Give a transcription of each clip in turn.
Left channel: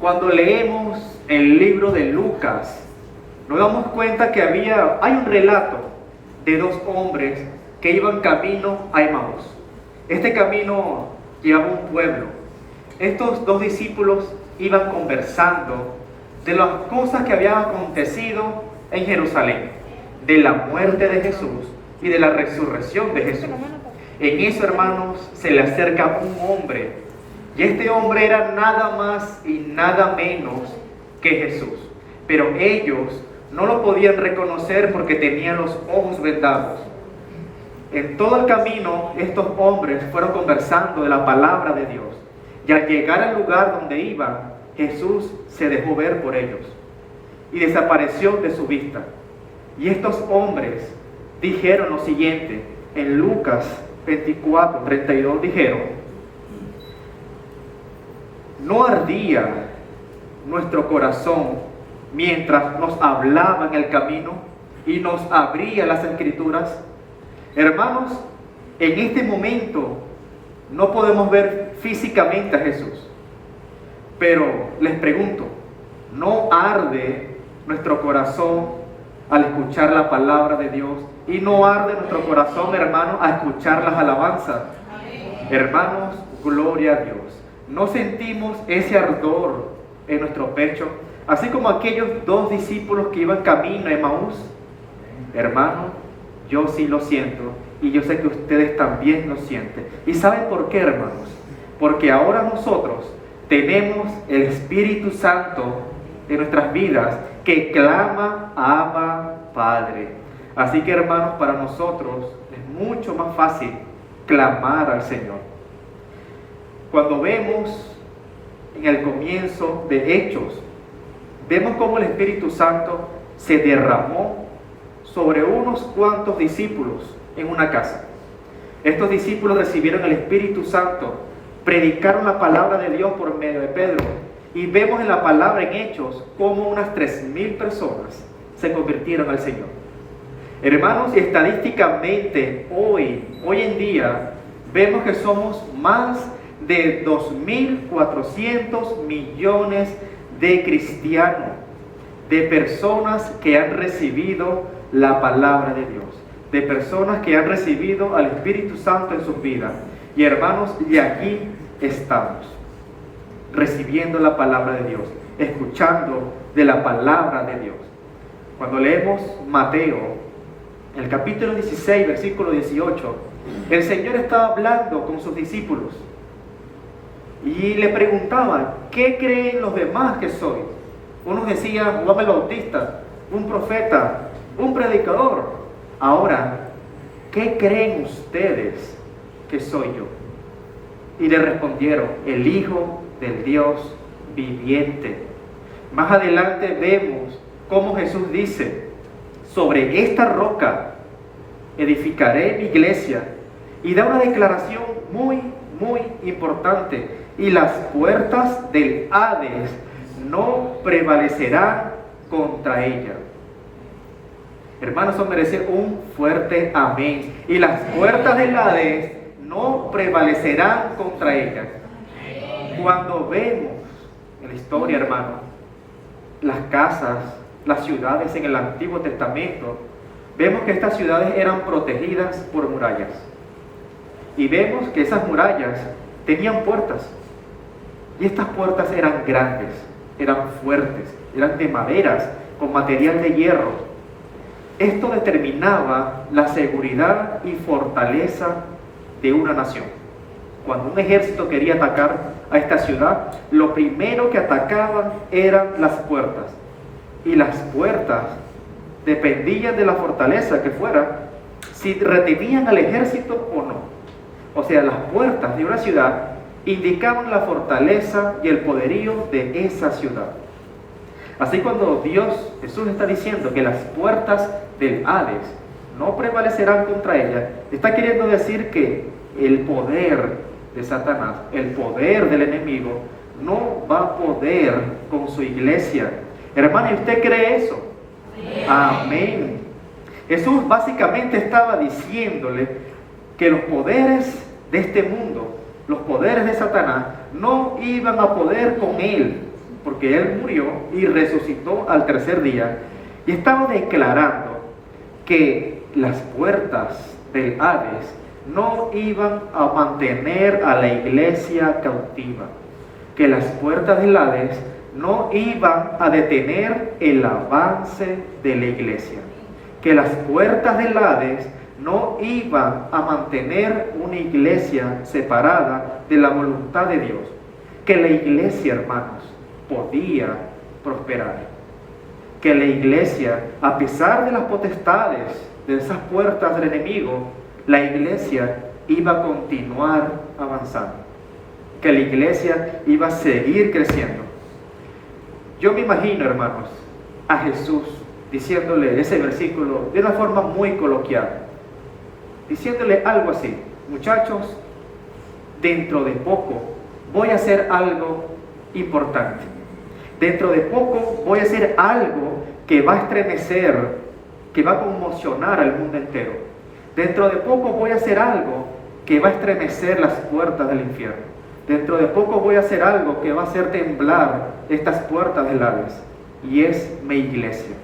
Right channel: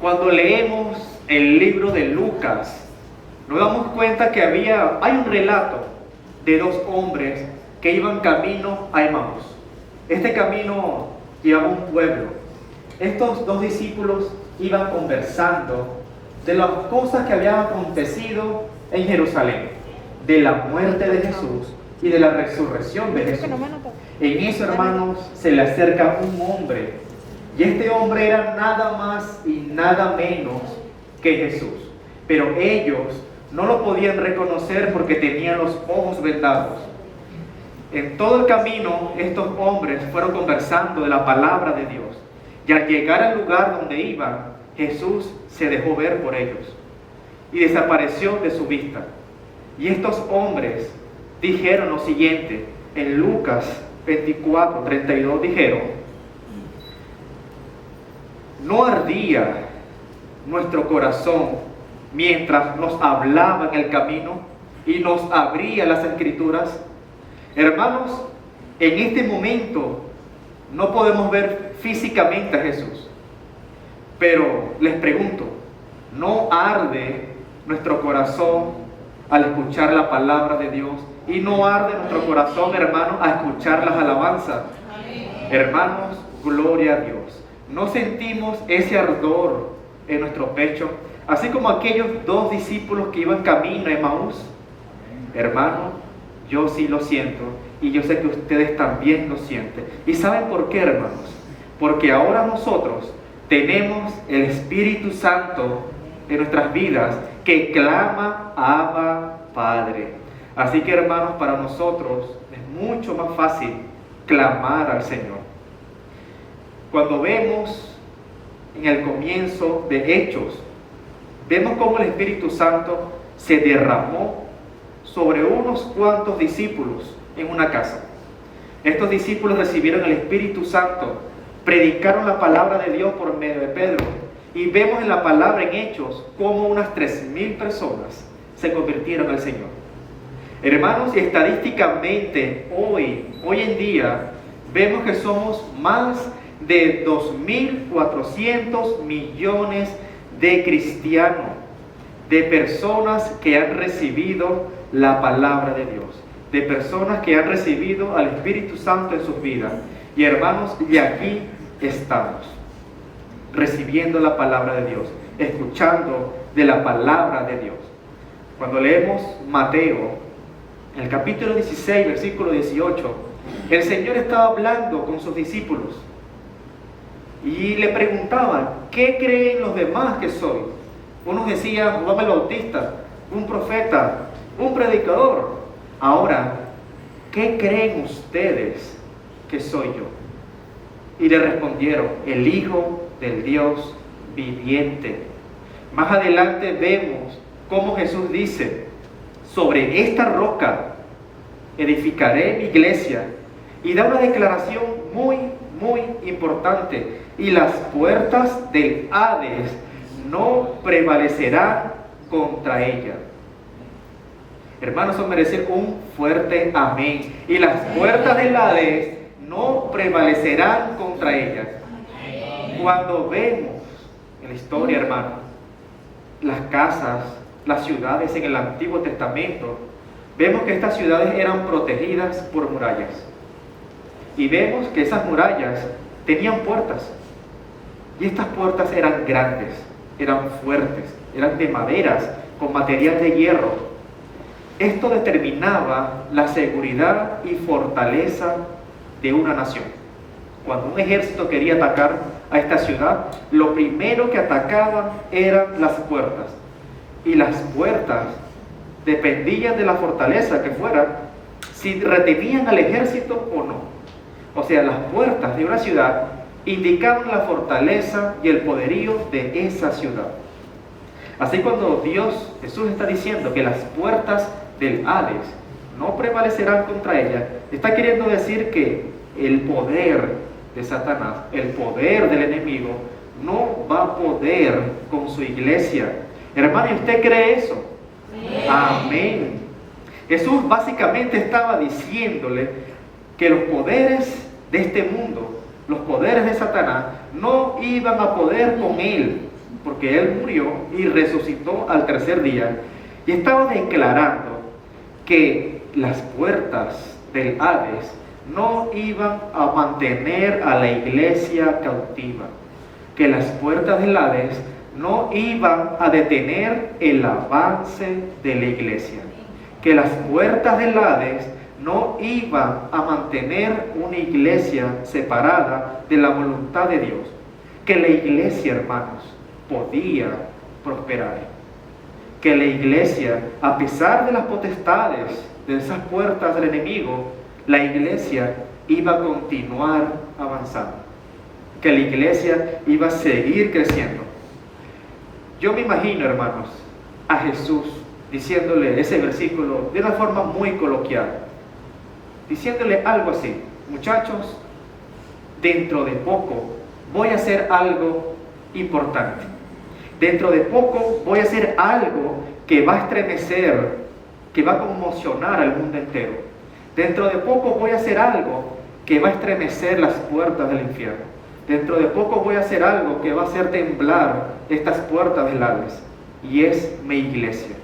Cuando leemos el libro de Lucas, nos damos cuenta que hay un relato de dos hombres que iban camino a Emaús. Este camino llevaba a un pueblo. Estos dos discípulos iban conversando de las cosas que habían acontecido en Jerusalén, de la muerte de Jesús y de la resurrección de Jesús. En eso, hermanos, se le acerca un hombre, y este hombre era nada más y nada menos que Jesús. Pero ellos no lo podían reconocer porque tenían los ojos vendados. En todo el camino, estos hombres fueron conversando de la palabra de Dios, y al llegar al lugar donde iban, Jesús se dejó ver por ellos y desapareció de su vista. Y estos hombres dijeron lo siguiente, en Lucas 24:32 dijeron: ¿no ardía nuestro corazón mientras nos hablaba en el camino y nos abría las Escrituras? Hermanos, en este momento no podemos ver físicamente a Jesús, pero les pregunto, ¿no arde nuestro corazón al escuchar la palabra de Dios? ¿Y no arde nuestro corazón, hermanos, a escuchar las alabanzas? Hermanos, gloria a Dios. ¿No sentimos ese ardor en nuestro pecho? Así como aquellos dos discípulos que iban camino a Emaús. Hermanos, yo sí lo siento, y yo sé que ustedes también lo sienten. ¿Y saben por qué, hermanos? Porque ahora nosotros tenemos el Espíritu Santo en nuestras vidas que clama: Abba, Padre. Así que, hermanos, para nosotros es mucho más fácil clamar al Señor. Cuando vemos en el comienzo de Hechos, vemos cómo el Espíritu Santo se derramó sobre unos cuantos discípulos en una casa. Estos discípulos recibieron el Espíritu Santo, predicaron la palabra de Dios por medio de Pedro, y vemos en la palabra en Hechos cómo unas 3,000 personas se convirtieron al Señor. Hermanos, estadísticamente hoy en día vemos que somos más de 2.400 millones de cristianos, de personas que han recibido la palabra de Dios, de personas que han recibido al Espíritu Santo en sus vidas. Y hermanos, y aquí estamos, recibiendo la palabra de Dios, escuchando de la palabra de Dios. Cuando leemos Mateo, en el capítulo 16, versículo 18, el Señor estaba hablando con sus discípulos y le preguntaban: ¿qué creen los demás que soy? Unos decían: Juan el Bautista, un profeta, un predicador. Ahora, ¿qué creen ustedes que soy yo? Y le respondieron: el Hijo del Dios viviente. Más adelante vemos cómo Jesús dice: sobre esta roca edificaré mi iglesia, y da una declaración muy importante: y las puertas del Hades no prevalecerán contra ella. Hermanos, eso merece un fuerte amén. Y las puertas del Hades no prevalecerán contra ella. Cuando vemos en la historia, hermanos, las casas, las ciudades en el Antiguo Testamento, vemos que estas ciudades eran protegidas por murallas. Y vemos que esas murallas tenían puertas. Y estas puertas eran grandes, eran fuertes, eran de maderas, con material de hierro. Esto determinaba la seguridad y fortaleza de una nación. Cuando un ejército quería atacar a esta ciudad, lo primero que atacaban eran las puertas. Y las puertas dependían de la fortaleza que fuera, si retenían al ejército o no. O sea, las puertas de una ciudad indicaban la fortaleza y el poderío de esa ciudad. Así, cuando Jesús está diciendo que las puertas del Hades no prevalecerán contra ella, está queriendo decir que el poder de Satanás, el poder del enemigo, no va a poder con su iglesia. Hermano, ¿usted cree eso? Amén. Jesús básicamente estaba diciéndole que los poderes de este mundo, los poderes de Satanás, no iban a poder con él, porque Él murió y resucitó al tercer día, y estaba declarando que las puertas del Hades no iban a mantener a la iglesia cautiva, que las puertas del Hades no iban a detener el avance de la iglesia, que las puertas del Hades no iban a mantener una iglesia separada de la voluntad de Dios, que la iglesia, hermanos, podía prosperar, que la iglesia, a pesar de las potestades de esas puertas del enemigo, la iglesia iba a continuar avanzando, que la iglesia iba a seguir creciendo. Yo me imagino, hermanos, a Jesús diciéndole ese versículo de una forma muy coloquial, diciéndole algo así: muchachos, dentro de poco voy a hacer algo importante. Dentro de poco voy a hacer algo que va a estremecer, que va a conmocionar al mundo entero. Dentro de poco voy a hacer algo que va a estremecer las puertas del infierno. Dentro de poco voy a hacer algo que va a hacer temblar estas puertas del Hades, y es mi iglesia.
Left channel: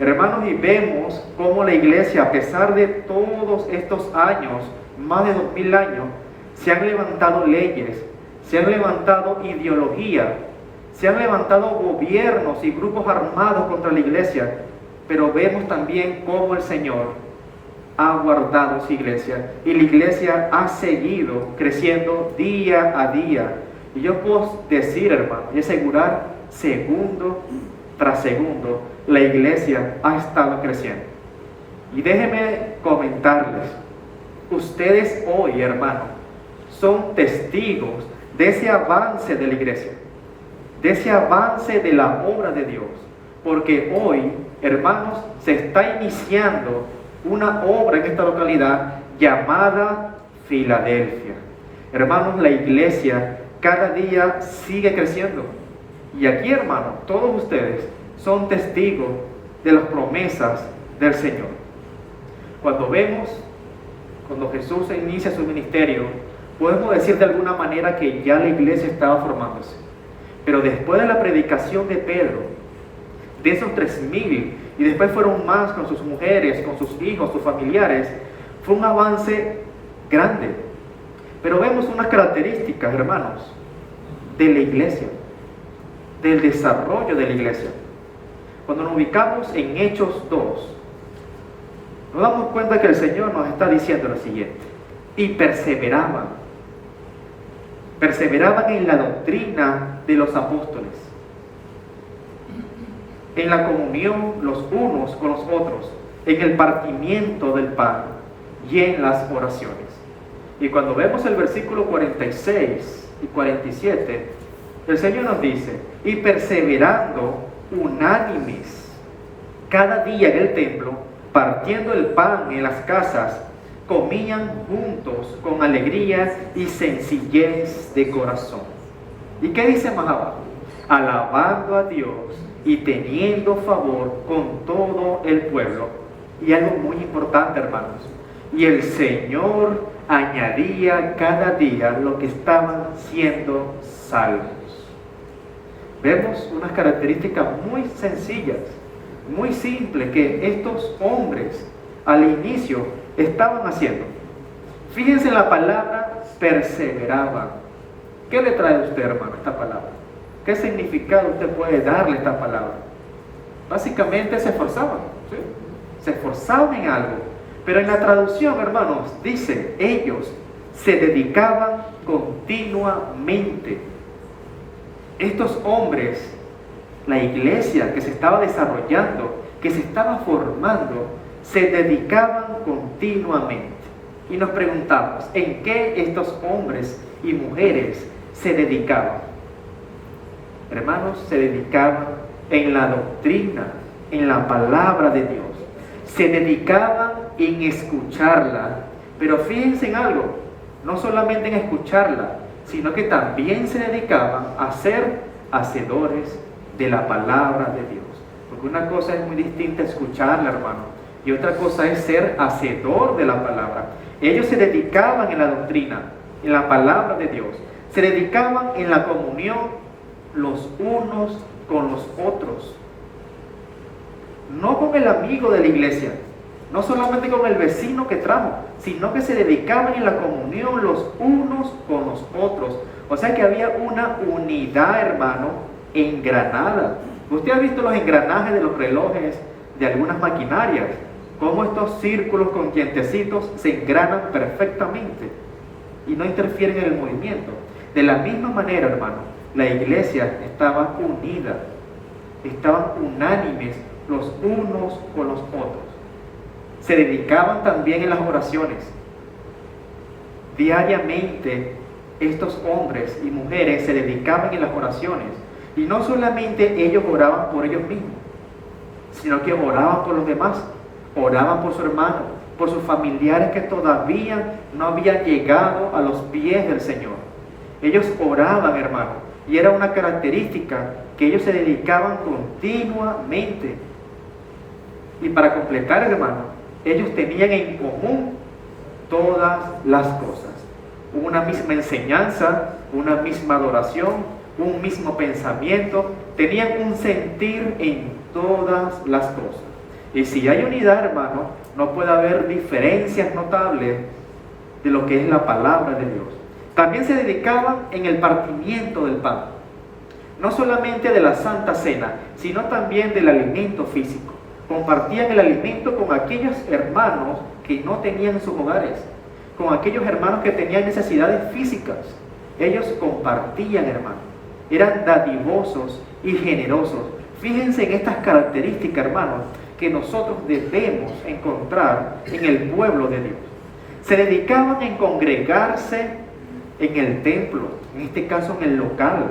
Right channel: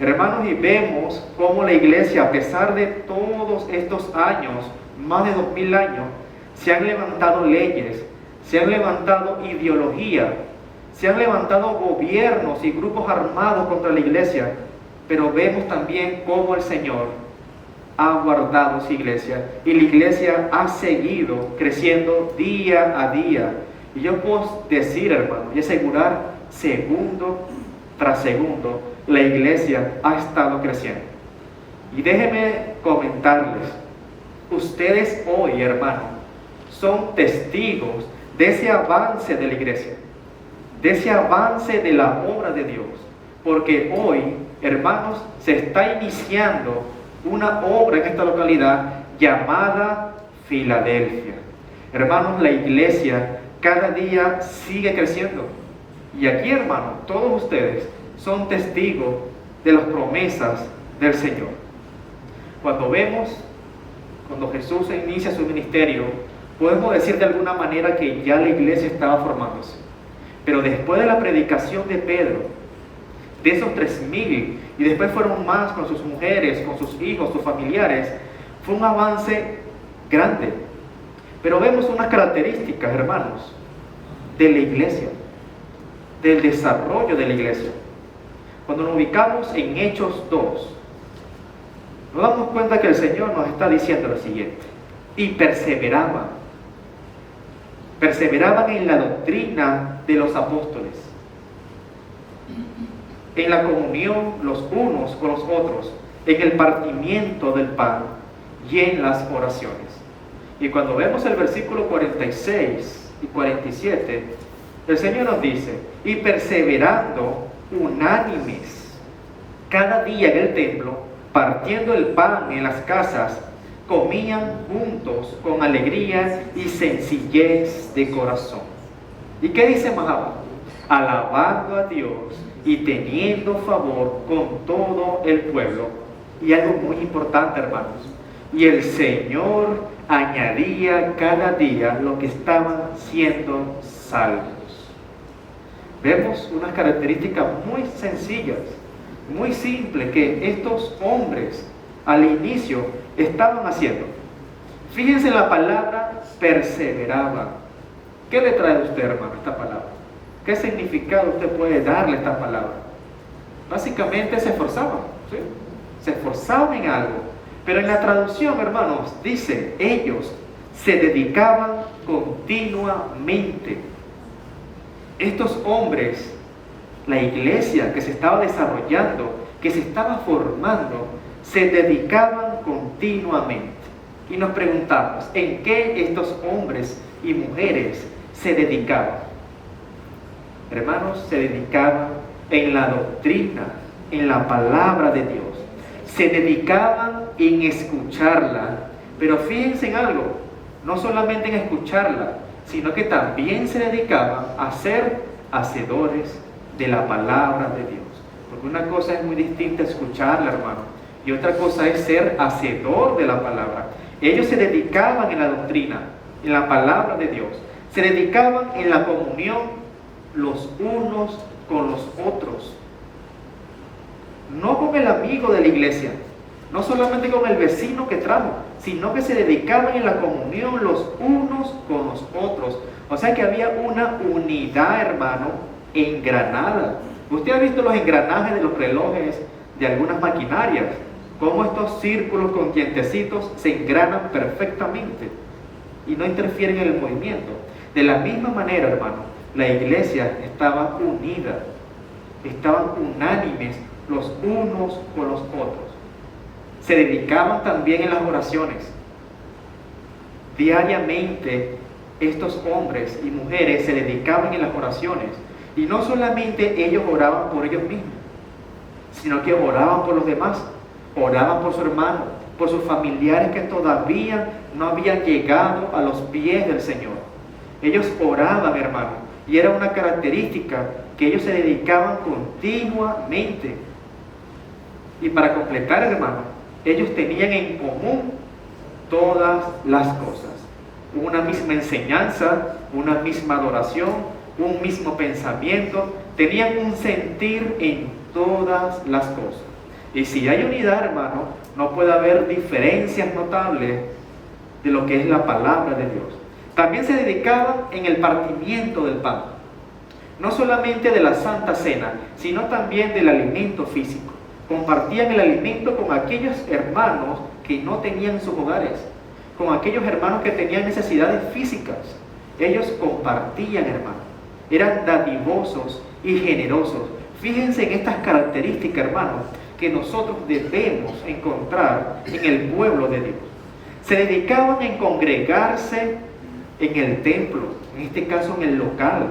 Hermanos, y vemos cómo la iglesia, a pesar de todos estos años, más de 2000 años, se han levantado leyes, se han levantado ideologías, se han levantado gobiernos y grupos armados contra la iglesia, pero vemos también cómo el Señor ha guardado su iglesia, y la iglesia ha seguido creciendo día a día. Y yo puedo decir, hermano, y asegurar, segundo tras segundo, la iglesia ha estado creciendo. Y déjenme comentarles, ustedes hoy, hermano, son testigos de ese avance de la iglesia, de ese avance de la obra de Dios, porque hoy, hermanos, se está iniciando una obra en esta localidad llamada Filadelfia. Hermanos, la iglesia cada día sigue creciendo, y aquí, hermanos, todos ustedes son testigos de las promesas del Señor. Cuando Jesús inicia su ministerio, podemos decir de alguna manera que ya la iglesia estaba formándose. Pero después de la predicación de Pedro, de esos 3000, y después fueron más con sus mujeres, con sus hijos, sus familiares, fue un avance grande. Pero vemos unas características, hermanos, de la iglesia, del desarrollo de la iglesia. Cuando nos ubicamos en Hechos 2, nos damos cuenta que el Señor nos está diciendo lo siguiente: y perseveraban en la doctrina de los apóstoles, en la comunión los unos con los otros, en el partimiento del pan y en las oraciones. Y cuando vemos el versículo 46 y 47, el Señor nos dice: y perseverando unánimes cada día en el templo, partiendo el pan en las casas, comían juntos con alegría y sencillez de corazón. ¿Y qué dice más abajo? Alabando a Dios y teniendo favor con todo el pueblo. Y algo muy importante, hermanos: y el Señor añadía cada día lo que estaban siendo salvos. Vemos unas características muy sencillas, muy simples, que estos hombres al inicio estaban haciendo. Fíjense en la palabra perseveraban. ¿Qué le trae a usted, hermano, esta palabra? ¿Qué significado usted puede darle a esta palabra? Básicamente se esforzaban, ¿sí? Se esforzaban en algo. Pero en la traducción, hermanos, dice: ellos se dedicaban continuamente. Estos hombres, la iglesia que se estaba desarrollando, que se estaba formando, se dedicaban continuamente. Y nos preguntamos, ¿en qué estos hombres y mujeres se dedicaban? Hermanos, se dedicaban en la doctrina, en la palabra de Dios. Se dedicaban en escucharla. Pero fíjense en algo, no solamente en escucharla, sino que también se dedicaban a ser hacedores de la palabra de Dios. Porque una cosa es muy distinta escucharla, hermano, y otra cosa es ser hacedor de la palabra. Ellos se dedicaban en la doctrina, en la palabra de Dios. Se dedicaban en la comunión los unos con los otros. No con el amigo de la iglesia, no solamente con el vecino que trajo, sino que se dedicaban en la comunión los unos con los otros. O sea que había una unidad, hermano, engranada. Usted ha visto los engranajes de los relojes de algunas maquinarias, cómo estos círculos con dientecitos se engranan perfectamente y no interfieren en el movimiento. De la misma manera, hermano, la iglesia estaba unida, estaban unánimes los unos con los otros. Se dedicaban también en las oraciones. Diariamente estos hombres y mujeres se dedicaban en las oraciones. Y no solamente ellos oraban por ellos mismos, sino que oraban por los demás, oraban por su hermano, por sus familiares que todavía no habían llegado a los pies del Señor. Ellos oraban, hermano, y era una característica que ellos se dedicaban continuamente. Y para completar, hermano, ellos tenían en común todas las cosas. Una misma enseñanza, una misma adoración, un mismo pensamiento, tenían un sentir en todas las cosas. Y si hay unidad, hermano, no puede haber diferencias notables de lo que es la palabra de Dios. También se dedicaban en el partimiento del pan, no solamente de la Santa Cena, sino también del alimento físico. Compartían el alimento con aquellos hermanos que no tenían en sus hogares, con aquellos hermanos que tenían necesidades físicas. Ellos compartían, hermano. Eran dadivosos y generosos. Fíjense en estas características, hermanos, que nosotros debemos encontrar en el pueblo de Dios. Se dedicaban en congregarse en el templo, en este caso en el local,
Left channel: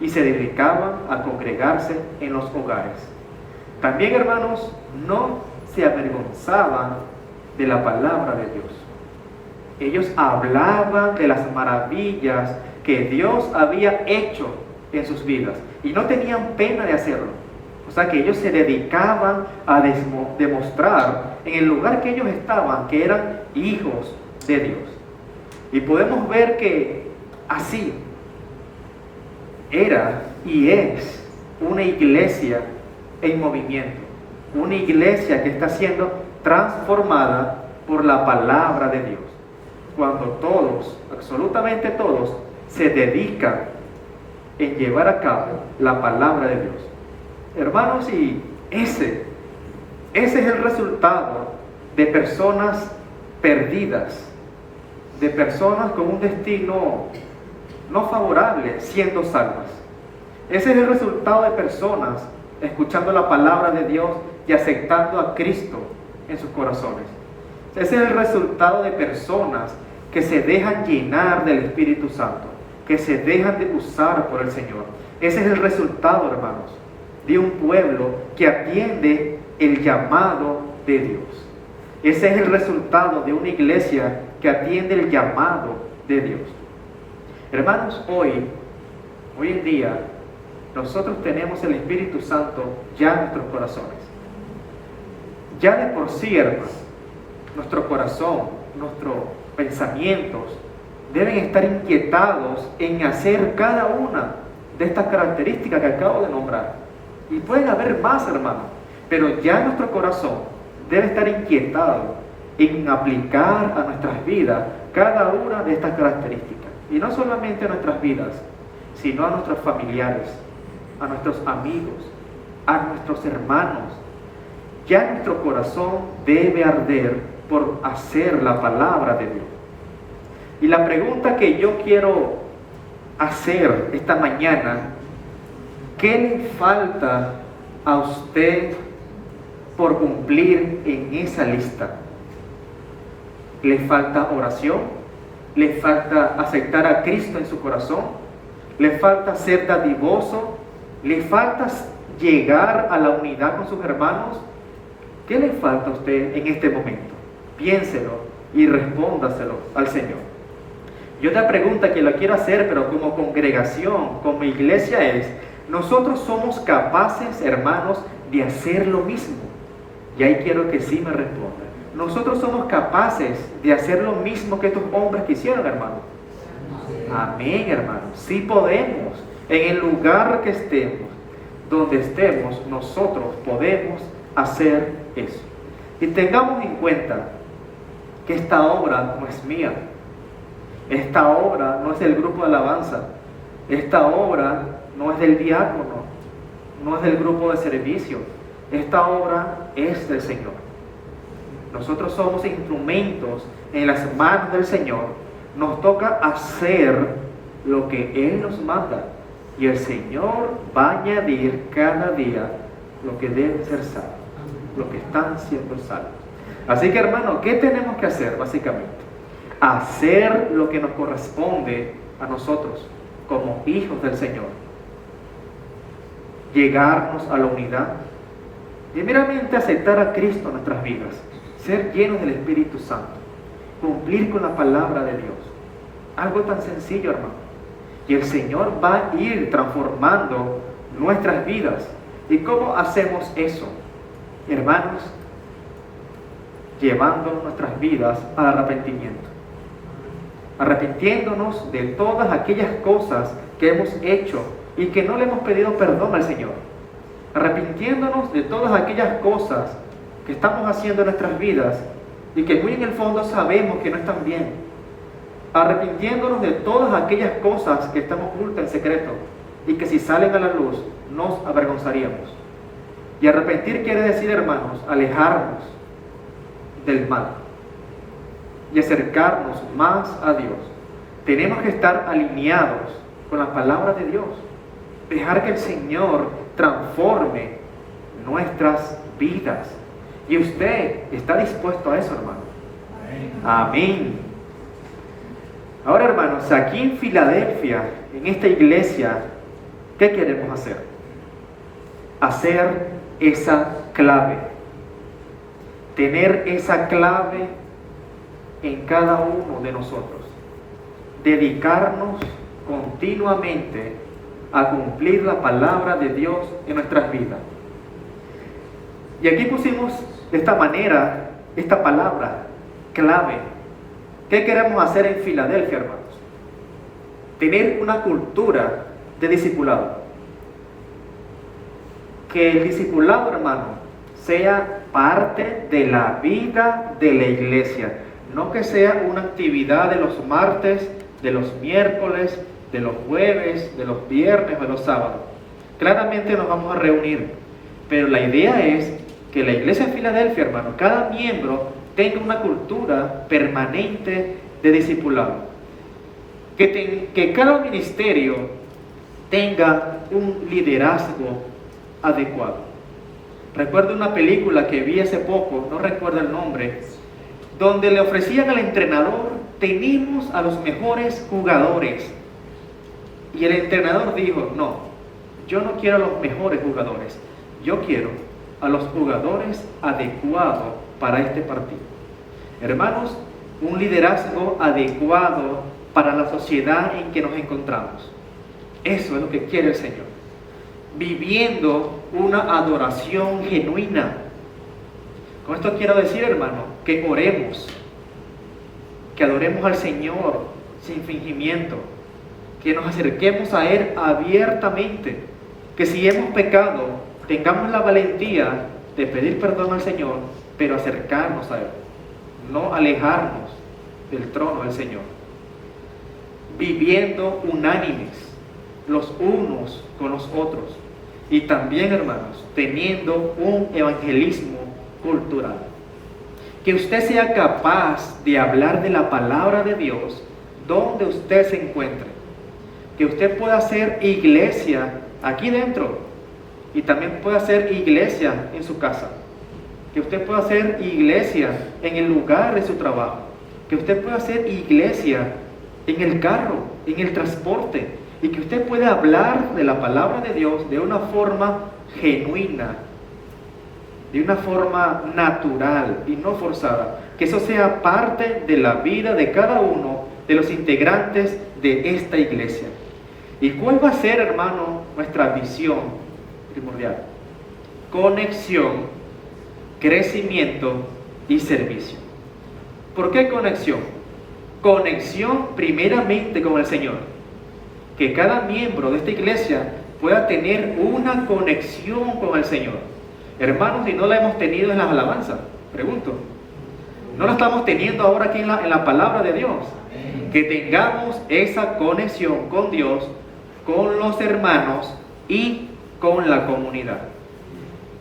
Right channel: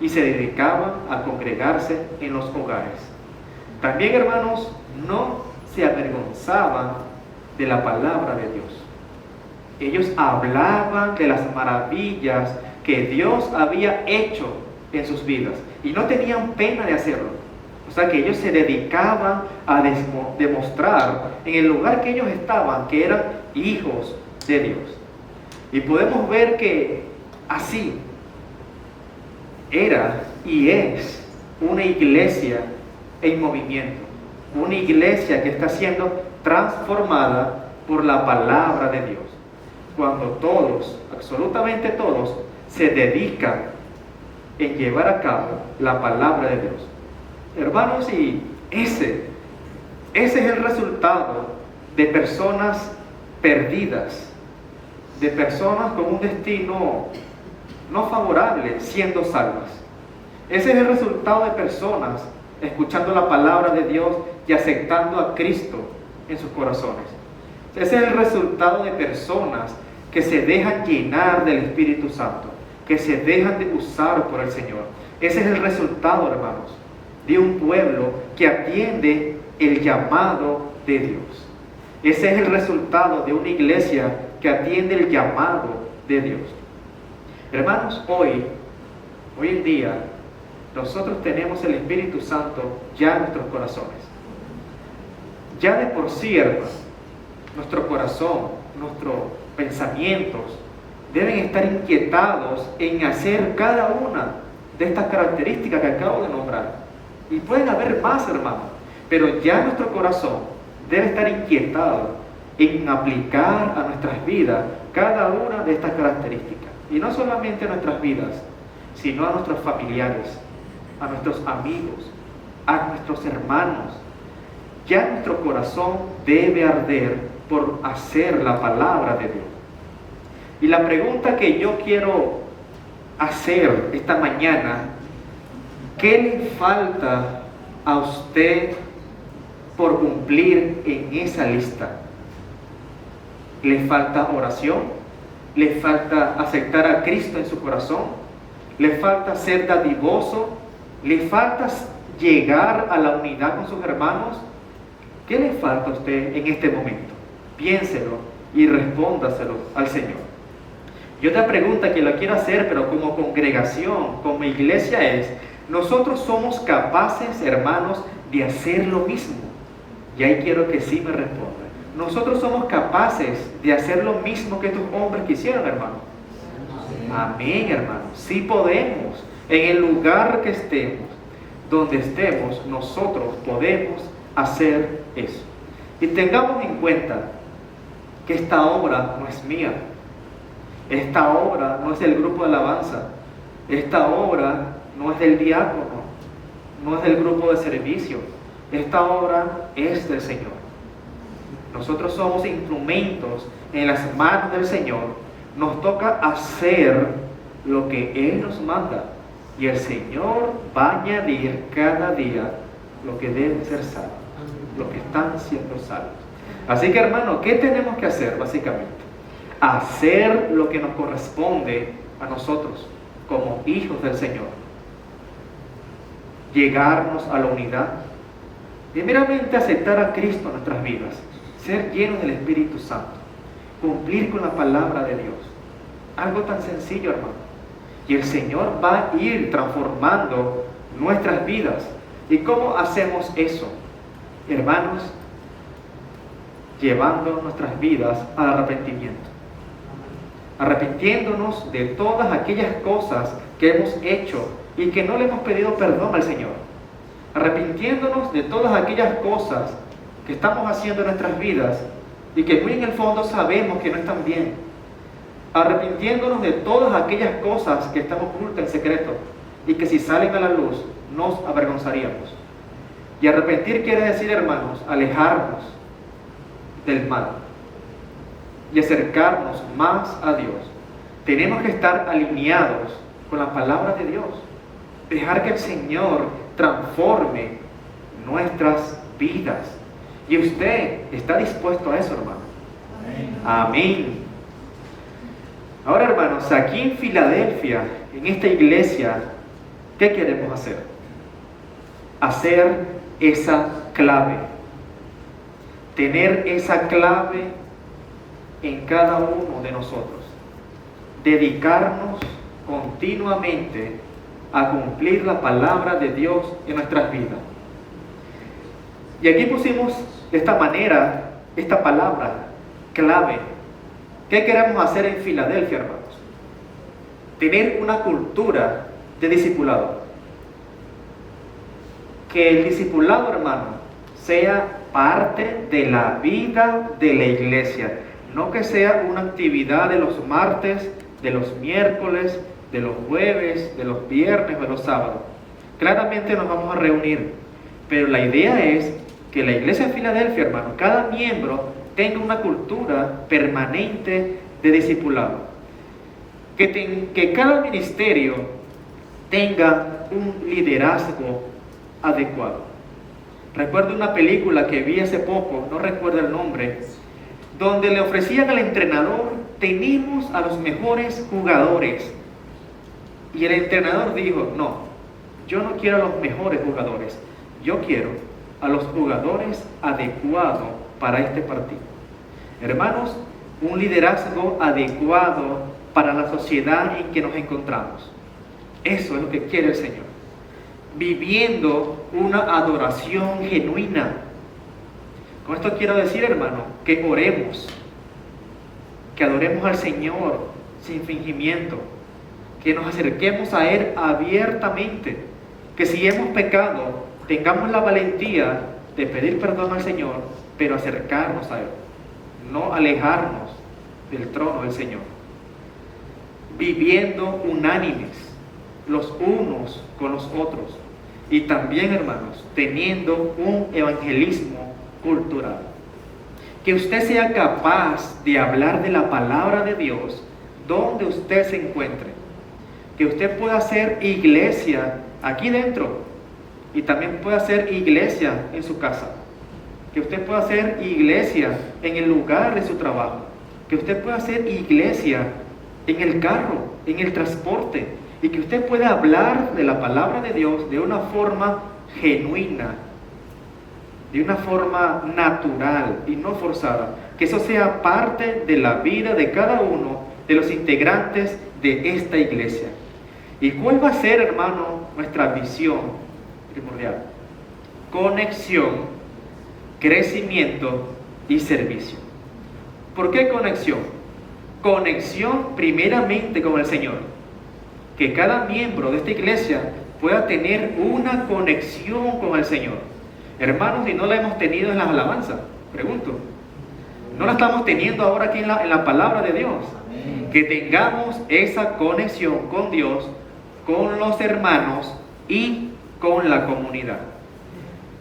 y se dedicaban a congregarse en los hogares. También, hermanos, no se avergonzaban de la palabra de Dios. Ellos hablaban de las maravillas que Dios había hecho en sus vidas y no tenían pena de hacerlo. O sea que ellos se dedicaban a demostrar en el lugar que ellos estaban que eran hijos de Dios. Y podemos ver que así era y es una iglesia en movimiento, una iglesia que está siendo transformada por la palabra de Dios. Cuando todos, absolutamente todos, se dedican en llevar a cabo la palabra de Dios. Hermanos, y ese es el resultado de personas perdidas, de personas con un destino no favorable siendo salvas. Ese es el resultado de personas escuchando la palabra de Dios y aceptando a Cristo en sus corazones. Ese es el resultado de personas que se dejan llenar del Espíritu Santo, que se dejan de usar por el Señor. Ese es el resultado, hermanos, de un pueblo que atiende el llamado de Dios. Ese es el resultado de una iglesia que atiende el llamado de Dios. Hermanos, hoy en día, nosotros tenemos el Espíritu Santo ya en nuestros corazones. Ya de por sí, hermanos, nuestro corazón, nuestros pensamientos deben estar inquietados en hacer cada una de estas características que acabo de nombrar. Y pueden haber más, hermanos, pero ya nuestro corazón debe estar inquietado en aplicar a nuestras vidas cada una de estas características. Y no solamente a nuestras vidas, sino a nuestros familiares, a nuestros amigos, a nuestros hermanos. Ya nuestro corazón debe arder por hacer la palabra de Dios. Y la pregunta que yo quiero hacer esta mañana, ¿qué le falta a usted por cumplir en esa lista? ¿Le falta oración? ¿Le falta aceptar a Cristo en su corazón? ¿Le falta ser dadivoso? ¿Le falta llegar a la unidad con sus hermanos? ¿Qué le falta a usted en este momento? Piénselo y respóndaselo al Señor. Y otra pregunta que la quiero hacer, pero como congregación, como iglesia, es: ¿nosotros somos capaces, hermanos, de hacer lo mismo? Y ahí quiero que sí me respondan. ¿Nosotros somos capaces de hacer lo mismo que estos hombres que hicieron, hermanos? Amén, hermanos. Sí podemos. En el lugar que estemos, donde estemos, nosotros podemos hacer eso. Y tengamos en cuenta que esta obra no es mía. Esta obra no es del grupo de alabanza. Esta obra no es del diácono, no es del grupo de servicio. Esta obra es del Señor. Nosotros somos instrumentos en las manos del Señor. Nos toca hacer lo que Él nos manda. Y el Señor va a añadir cada día lo que debe ser salvo, lo que están siendo salvos. Así que, hermano, ¿qué tenemos que hacer básicamente? Hacer lo que nos corresponde a nosotros como hijos del Señor. Llegarnos a la unidad. Primeramente, aceptar a Cristo en nuestras vidas. Ser llenos del Espíritu Santo. Cumplir con la palabra de Dios. Algo tan sencillo, hermano. Y el Señor va a ir transformando nuestras vidas. ¿Y cómo hacemos eso? Hermanos, llevando nuestras vidas al arrepentimiento. Arrepintiéndonos de todas aquellas cosas que hemos hecho y que no le hemos pedido perdón al Señor. Arrepintiéndonos de todas aquellas cosas que estamos haciendo en nuestras vidas y que muy en el fondo sabemos que no están bien. Arrepintiéndonos de todas aquellas cosas que están ocultas en secreto y que si salen a la luz nos avergonzaríamos. Y arrepentir quiere decir, hermanos, alejarnos del mal y acercarnos más a Dios. Tenemos que estar alineados con la palabra de Dios. Dejar que el Señor transforme nuestras vidas. Y usted está dispuesto a eso, hermano. Amén. Ahora, hermanos, aquí en Filadelfia, en esta iglesia, ¿qué queremos hacer? Hacer esa clave. Tener esa clave en cada uno de nosotros. Dedicarnos continuamente a cumplir la palabra de Dios en nuestras vidas. Y aquí pusimos de esta manera, esta palabra, clave. ¿Qué queremos hacer en Filadelfia, hermanos? Tener una cultura de discipulado. Que el discipulado, hermano, sea parte de la vida de la iglesia. No que sea una actividad de los martes, de los miércoles, de los jueves, de los viernes o de los sábados. Claramente nos vamos a reunir, pero la idea es que la iglesia de Filadelfia, hermano, cada miembro tenga una cultura permanente de discipulado. Que cada ministerio tenga un liderazgo adecuado. Recuerdo una película que vi hace poco, no recuerdo el nombre, donde le ofrecían al entrenador: tenemos a los mejores jugadores. Y el entrenador dijo: no, yo no quiero a los mejores jugadores, yo quiero a los jugadores adecuados para este partido. Hermanos, un liderazgo adecuado para la sociedad en que nos encontramos. Eso es lo que quiere el Señor. Viviendo una adoración genuina. Con esto quiero decir, hermano, que oremos, que adoremos al Señor sin fingimiento, que nos acerquemos a Él abiertamente, que si hemos pecado, tengamos la valentía de pedir perdón al Señor, pero acercarnos a Él, no alejarnos del trono del Señor. Viviendo unánimes, los unos con los otros, y también, hermanos, teniendo un evangelismo cultural. Que usted sea capaz de hablar de la palabra de Dios donde usted se encuentre. Que usted pueda hacer iglesia aquí dentro y también pueda hacer iglesia en su casa. Que usted pueda hacer iglesia en el lugar de su trabajo. Que usted pueda hacer iglesia en el carro, en el transporte. Y que usted pueda hablar de la palabra de Dios de una forma genuina, de una forma natural y no forzada. Que eso sea parte de la vida de cada uno de los integrantes de esta iglesia. ¿Y cuál va a ser, hermano, nuestra visión primordial? Conexión, crecimiento y servicio. ¿Por qué conexión? Conexión primeramente con el Señor. que cada miembro de esta iglesia pueda tener una conexión con el Señor. Hermanos, y no la hemos tenido en las alabanzas, pregunto. No la estamos teniendo ahora aquí en la palabra de Dios. Que tengamos esa conexión con Dios, con los hermanos y con la comunidad.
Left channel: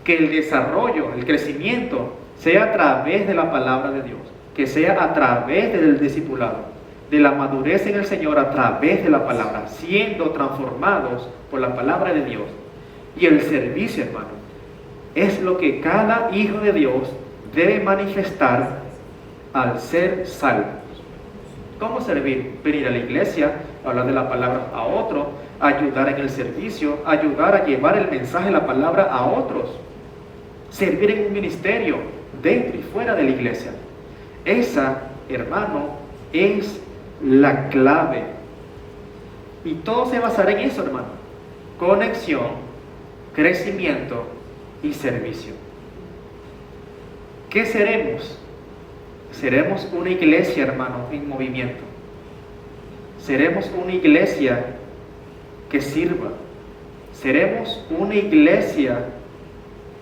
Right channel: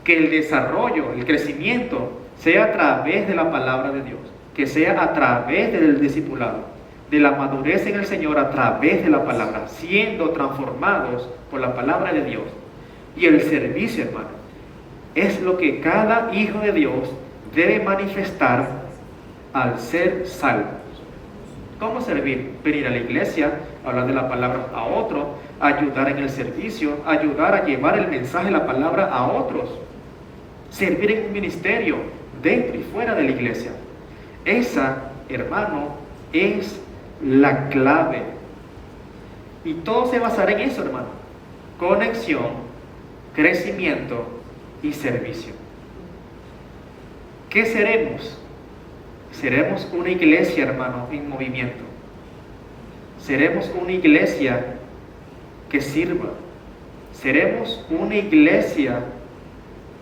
Que el desarrollo, el crecimiento sea a través de la palabra de Dios, que sea a través del discipulado, de la madurez en el Señor a través de la palabra, siendo transformados por la palabra de Dios. Y el servicio, hermano, es lo que cada hijo de Dios debe manifestar al ser salvo. ¿Cómo servir? Venir a la iglesia, hablar de la palabra a otro, ayudar en el servicio, ayudar a llevar el mensaje de la palabra a otros. Servir en un ministerio, dentro y fuera de la iglesia. Esa, hermano, es la clave. Y todo se basará en eso, hermano. Conexión, crecimiento y servicio. ¿Qué seremos? Seremos una iglesia, hermano, en movimiento. Seremos una iglesia que sirva. Seremos una iglesia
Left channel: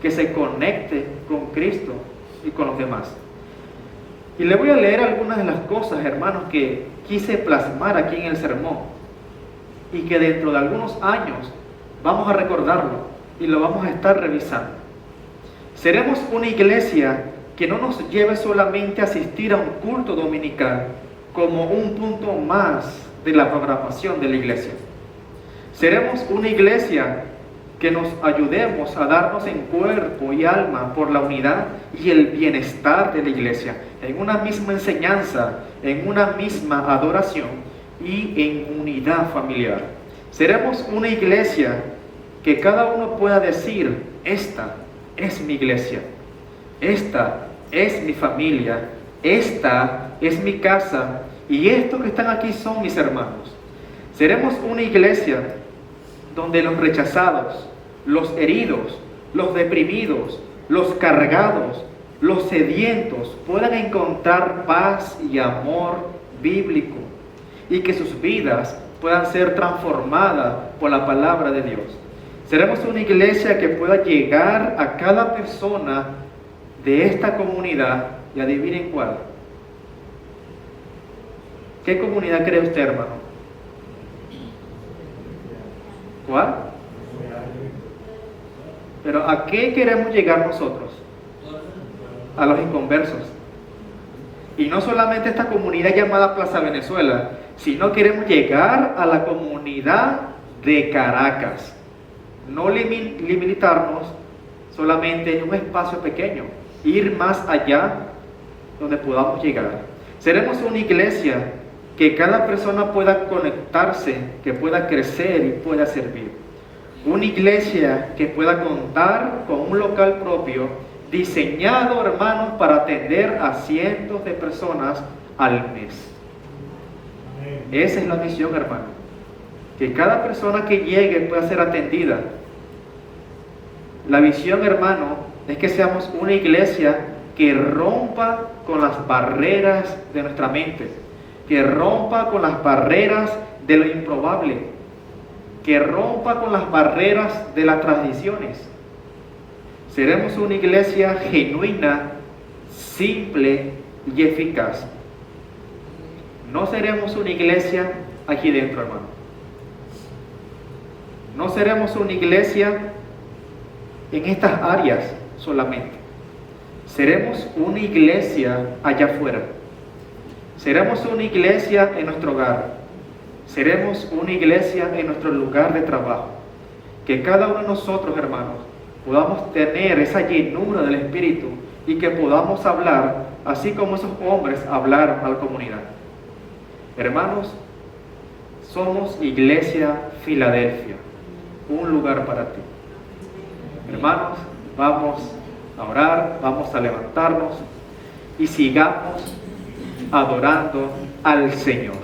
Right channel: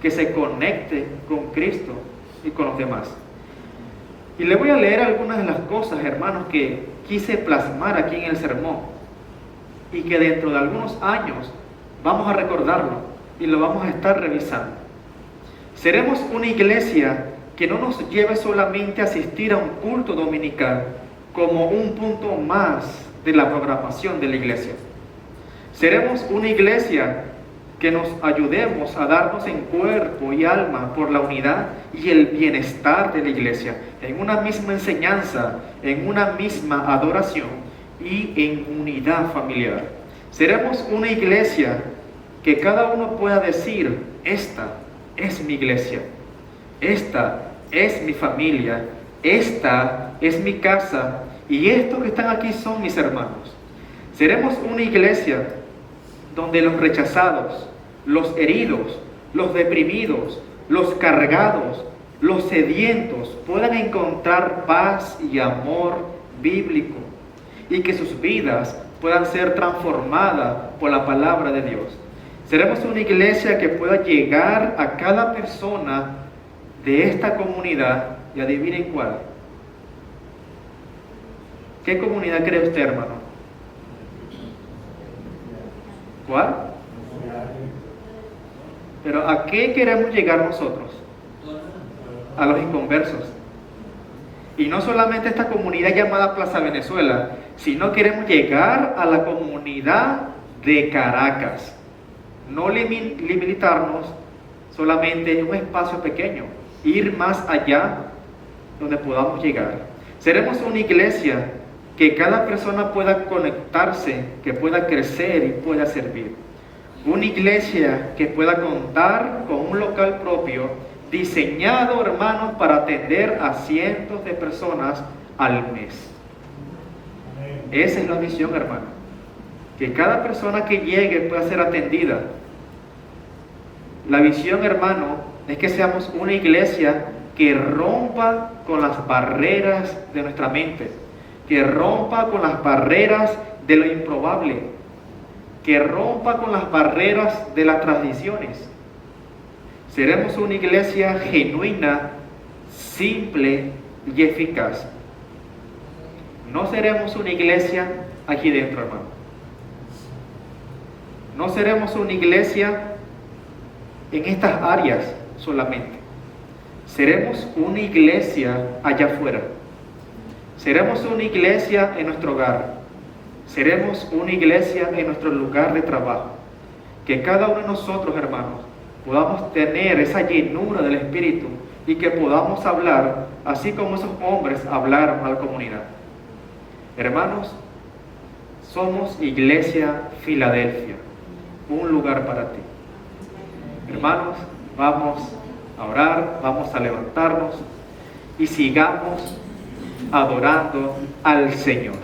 que se conecte con Cristo y con los demás. Y le voy a leer algunas de las cosas, hermanos, que quise plasmar aquí en el sermón y que dentro de algunos años vamos a recordarlo y lo vamos a estar revisando. Seremos una iglesia que no nos lleve solamente a asistir a un culto dominical como un punto más de la programación de la iglesia. Seremos una iglesia que nos ayudemos a darnos en cuerpo y alma por la unidad y el bienestar de la iglesia, en una misma enseñanza, en una misma adoración y en unidad familiar. Seremos una iglesia que cada uno pueda decir: esta es mi iglesia, esta es mi familia, esta es mi casa y estos que están aquí son mis hermanos. Seremos una iglesia donde los rechazados, los heridos, los deprimidos, los cargados, los sedientos puedan encontrar paz y amor bíblico y que sus vidas puedan ser transformadas por la palabra de Dios. Seremos una iglesia que pueda llegar a cada persona de esta comunidad y adivinen cuál. ¿Qué comunidad cree usted, hermano? ¿Cuál? Pero ¿a qué queremos llegar nosotros? A los inconversos. Y no solamente esta comunidad llamada Plaza Venezuela, sino queremos llegar a la comunidad de Caracas. No limitarnos solamente en un espacio pequeño, ir más allá donde podamos llegar. Seremos una iglesia que cada persona pueda conectarse, que pueda crecer y pueda servir. Una iglesia que pueda contar con un local propio, diseñado, hermanos, para atender a cientos de personas al mes. Esa es la misión, hermano. Que cada persona que llegue pueda ser atendida. La visión, hermano, es que seamos una iglesia que rompa con las barreras de nuestra mente, que rompa con las barreras de lo improbable, que rompa con las barreras de las tradiciones. Seremos una iglesia genuina, simple y eficaz. No seremos una iglesia aquí dentro, hermano. No seremos una iglesia en estas áreas solamente. Seremos una iglesia allá afuera. Seremos una iglesia en nuestro hogar. Seremos una iglesia en nuestro lugar de trabajo. Que cada uno de nosotros, hermanos, podamos tener esa llenura del Espíritu y que podamos hablar así como esos hombres hablaron a la comunidad. Hermanos, somos Iglesia Filadelfia, un lugar para ti. Hermanos, vamos a orar, vamos a levantarnos y sigamos adorando al Señor.